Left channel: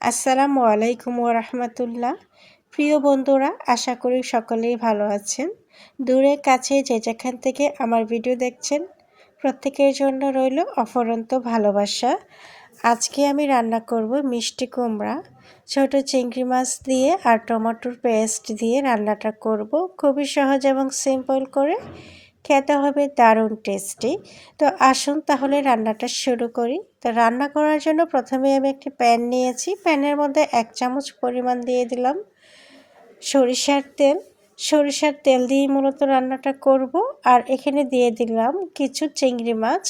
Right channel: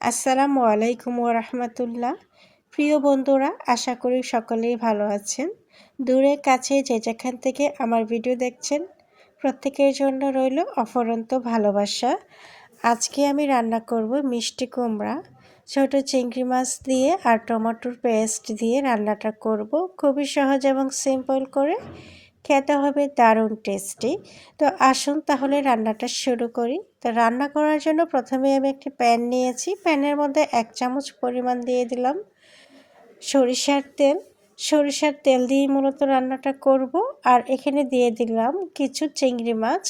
আসসালামু আলাইকুম ওরহমতুল্লাহ প্রিয় বন্ধুরা, আশা করি সকলেই ভালো আছেন। দূরে কাছে যে যেখান থেকে আমার ভিডিও দেখছেন, প্রত্যেকের জন্য রইল অফরন্ত ভালোবাসা। আজকে আমি রান্না করব মিষ্টি কুমড়া, ছোট চিংড়ি মাছ দিয়ে আর টমেটোর পেস্ট দিয়ে রান্নাটা করব। খুবই সহজ এবং সিম্পল করে খেতে হবে, দারুণ টেস্টি তো আসুন তাহলে রান্নাটা শুরু করি। তো রান্না করার জন্য প্রথমে আমি একটি প্যান নিয়েছি। প্যানের মধ্যে এক চামচ পরিমাণ দিয়ে দিলাম সরিষার তেল। সরিষার তেল দিয়ে মূলত রান্নাটা করব। আর এখানে দিয়ে দিলাম কিছু চিংড়ি মাছ।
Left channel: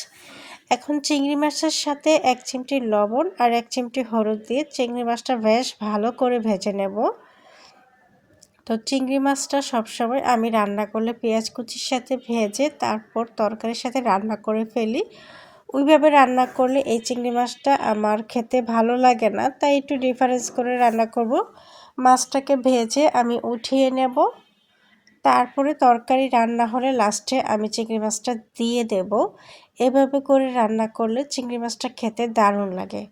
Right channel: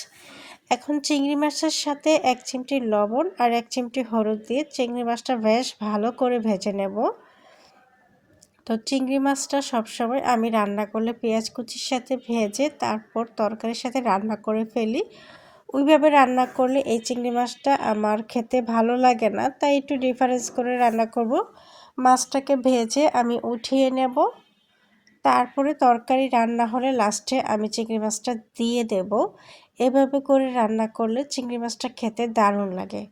এখন চিংড়ি মাছের সাথে এক চিমটি লবণ আর এক চিমটি হলুদ দিয়ে চিংড়ি মাছটা বেশ ভালো করে ভেজে নেব। তো চিংড়ি মাছটা সবসময় আমি রান্না করলে পেঁয়াজ কুচির সাথে ভেজে তারপর তরকারির সাথে রান্না করে ফেলি। ওইভাবে রান্না করলে এই চিংড়ি মাছটা আমার খেতে ভালো লাগে না, তাই একটু ডিফারেন্স করে রান্না করব। মাছটাকে ভেজে আমি উঠিয়ে নেব। তারপরে তরকারি রান্না হলে লাস্টে আমি চিংড়ি মাছটা দিয়ে দেব। এভাবে করে রান্না করলে চিংড়ি মাছটা খেতে দারুণ লাগে।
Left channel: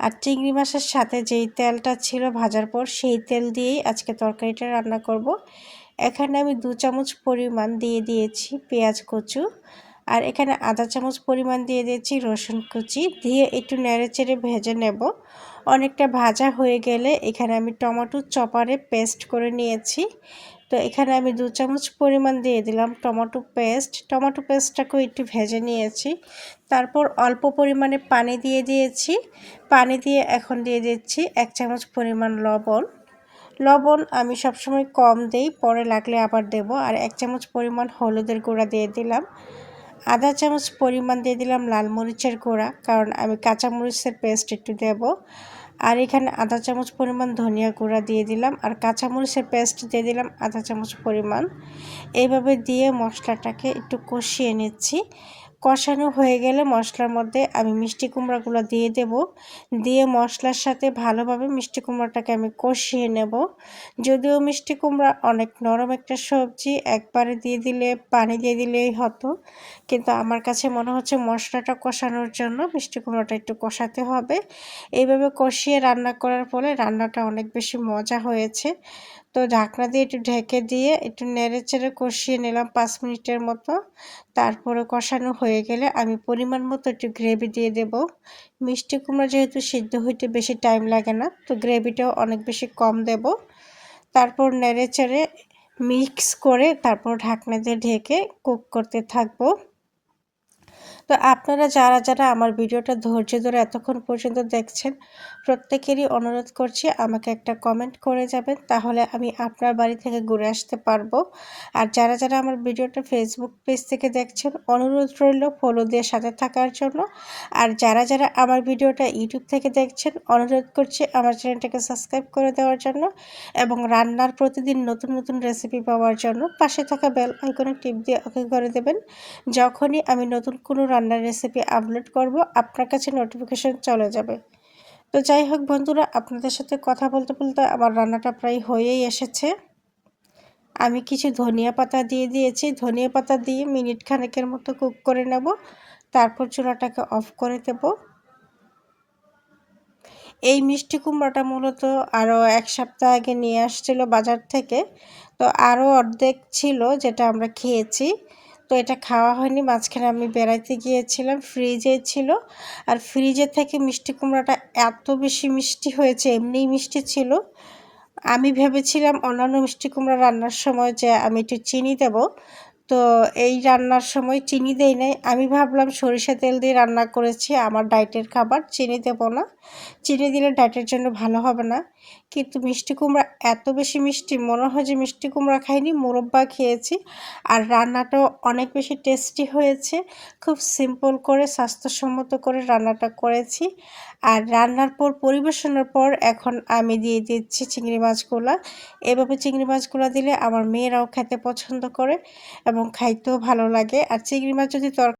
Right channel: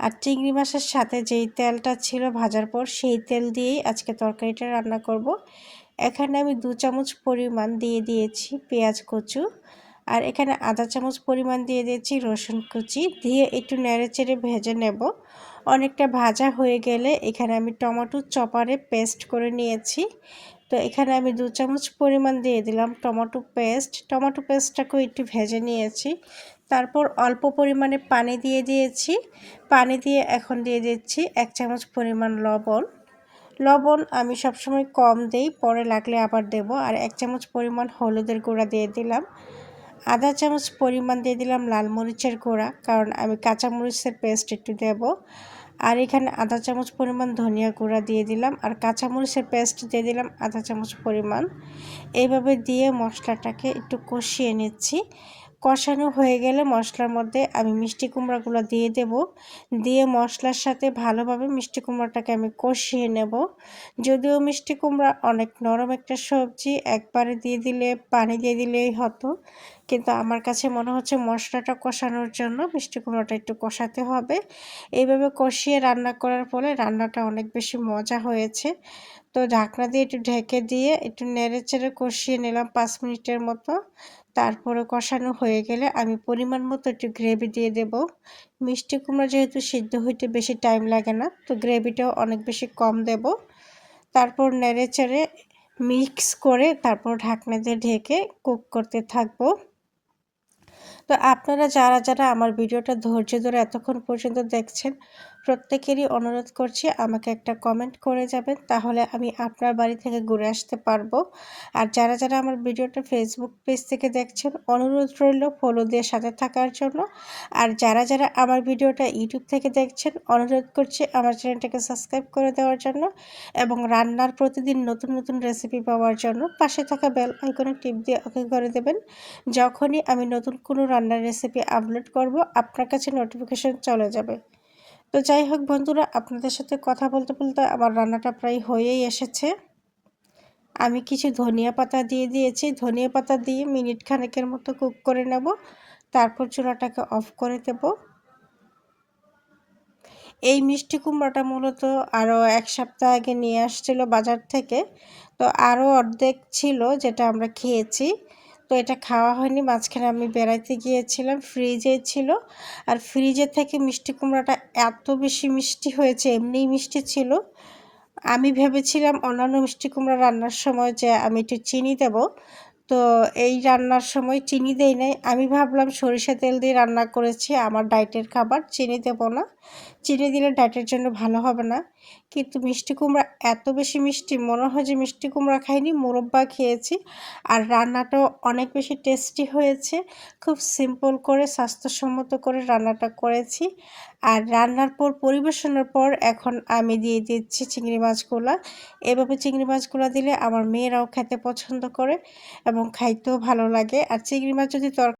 আর চিংড়ি মাছের সাথে যেই তেলটা ছিল ভাজার পর সেই তেল দিয়েই আজকে তরকারিটা রান্না করব। এখানে আমি দু চামচ পরিমাণ দিয়ে দিয়েছি পেঁয়াজ কচু আর এখানে আধা চামচ পরিমাণ দিয়ে দিয়েছি রসুন কুচি। দিয়ে একটু নেড়ে চেড়ে ভেজে নেব। অনেকটা ভাজা হয়ে গেলে এখানে আমি টমেটো চপারে পেস্ট করে নিয়েছি। তো এখানে আমি দু চামচ পরিমাণ দিয়ে দিলাম টমেটো পেস্ট। টমেটো পেস্টটাকেও একটু ভেজে নিয়েছি। তারপর অল্প পরিমাণে পানি দিয়ে দিয়েছি। পানি দিয়ে এখন দিয়ে দিচ্ছি এক চামচ পরিমাণ লবণ। লবণ আমি সবসময় কম দিই, পরে লাগলে আবার দেব। আর এক চামচ পরিমাণ হলুদের গুঁড়া দিয়ে দিলাম। আধা চামচ পরিমাণ দিয়ে দিলাম লাল মরিচের গুঁড়া, কারণ আমি কাঁচা মরিচের পেস্ট একটু দেব। আর এখানে আধা চামচ পরিমাণ ধনিয়া গুঁড়া দিয়ে দিলাম আর কাঁচামরিচের পেস্ট দিয়ে দিলাম আধা চামচ পরিমাণ। এইভাবে দিয়ে মশলাটাকে একটু কষিয়ে নিচ্ছি। কষানো হয়ে গেলে মশলার মধ্যে আমি মিষ্টি কুমড়াগুলো দিয়ে দেব। দিয়ে মশলার সাথে ভালোভাবে মিষ্টি কুমড়াটাকে আমি কষিয়ে নেব। যদিও মিষ্টি কুমড়া অনেক নরম একটা সবজি, একবারে দিয়ে দিলে, পানি দিয়ে দিলেই হতো। কিন্তু আমার কাছে মনে হচ্ছে মশলাটা কষানোর জন্য মিষ্টি কুমড়াটা একটু কষাতে হবে। এইভাবে কষিয়ে রান্না করার ফলে রান্নাটা অনেক বেশি মজা হয়েছে। তো ঢাকনা দিয়ে একটু ঢেকে দিয়ে একটু নেড়ে চেড়ে কষিয়ে নিলাম পাঁচ মিনিটের মতো। তারপরে কষানো হয়ে গেলে আমি পরিমাণ মতো একটু গ্রেভি দিয়ে দেব। মিষ্টি কুমড়া যেহেতু সিদ্ধ হইতে বেশি টাইম লাগে না, তো গ্রেভিটাও অনেক বেশি কম দেব। তারপর নেড়ে চেড়ে মিক্স করে তারপর ঢাকনা দিয়ে ঢেকে কুক করতে থাকব। তো আপনারা যারা যারা আমার ভিডিওটা ধৈর্য ধরে এতক্ষণ পর্যন্ত দেখছেন, প্রত্যেকেরই অনুরোধ করছি আমাকে একটা কমেন্ট করে যাবেন, তাহলে আমি আপনার বাড়ি থেকে ঘুরে আসতে পারব। আর যারা যারা আমার ভিডিওটা ফেসবুক পেজ থেকে দেখছেন, অনুরোধ রইল ফলো দিয়ে সাথে থাকার জন্য। আর যারা যারা আমার ভিডিওটা ইউটিউব থেকে দেখছেন, অনুরোধ করছি আমার চ্যানেলটাকে সাবস্ক্রাইব করে দেওয়ার জন্য এবং রান্নার প্রতিদিন নতুন নতুন রেসিপি পাওয়ার জন্য পাশে থাকা বেল আইকনে টিপ দিয়ে ওকে করে দেবেন। যখনই আমি নতুন কোনো রান্নার রেসিপি আপলোড করব, আপনার কাছে নোটিফিকেশন চলে যাবে। তো যাই হোক বন্ধুরা, আপনাদের সাথে কথা বলতে বলতে আমার রান্নাটা প্রায় হয়েই এসেছে। আমি কিছু ধনিয়া পাতা দিয়ে দিয়েছি। ধনিয়া পাতা দিয়ে মিনিট খানেকের মতো কুক করে নেব। তারপর চুলাটাকে অফ করে দেব। এই মিষ্টি কুমড়াটা মূলত আরও এক সপ্তাহ আগে নিয়ে আসছিল বাজার থেকে। তো আরও অর্ধেক ছিল যেটা আমরা খেয়েছি। তো এটা খাওয়া হয়নি, মাঝখানে আমি বেড়াইতে গিয়েছিলাম ফ্রিজে ছিল। আর ফ্রিজে থেকে মিষ্টি কুমড়াটা এত বেশি মিষ্টি হয়েছে, এমনিই মিষ্টি ছিল। আমি ভেবেছিলাম অন্যান্য মিষ্টি কুমড়া রান্নার সময় যে আমি একটু চিনি দেব। তো এই রান্নার সময় চিনি দেই নাই। আমি ভাবলাম সরিষা তেল দিয়ে রান্না করেছি, আমার ডায়েটের খাবার, চিনি দেব না। চিনি দিলে ডায়েটের জন্য ভালো হবে না। কিন্তু মিষ্টি কুমড়া, এত বেশি মিষ্টি, মনে হয় যে মিষ্টি কুমড়া খাইনি, মোরব্বা খেয়েছি। আর রান্নাটাও অনেক বেশি টেস্টি হয়েছে। খুব সিম্পল করে, স্বাস্থ্যসম্মত করে রান্নাটা করেছি। আর রান্নার পর, পরিবেশনের পর, এখন আমি দিয়ে দিচ্ছি চিংড়ি মাছগুলা। এভাবে চিংড়ি মাছগুলো দিলে আমার মেয়েরাও খেতে পছন্দ করে। এবং খাইতেও ভালো লাগে। আর চিংড়ি মাছ যদি তরকারি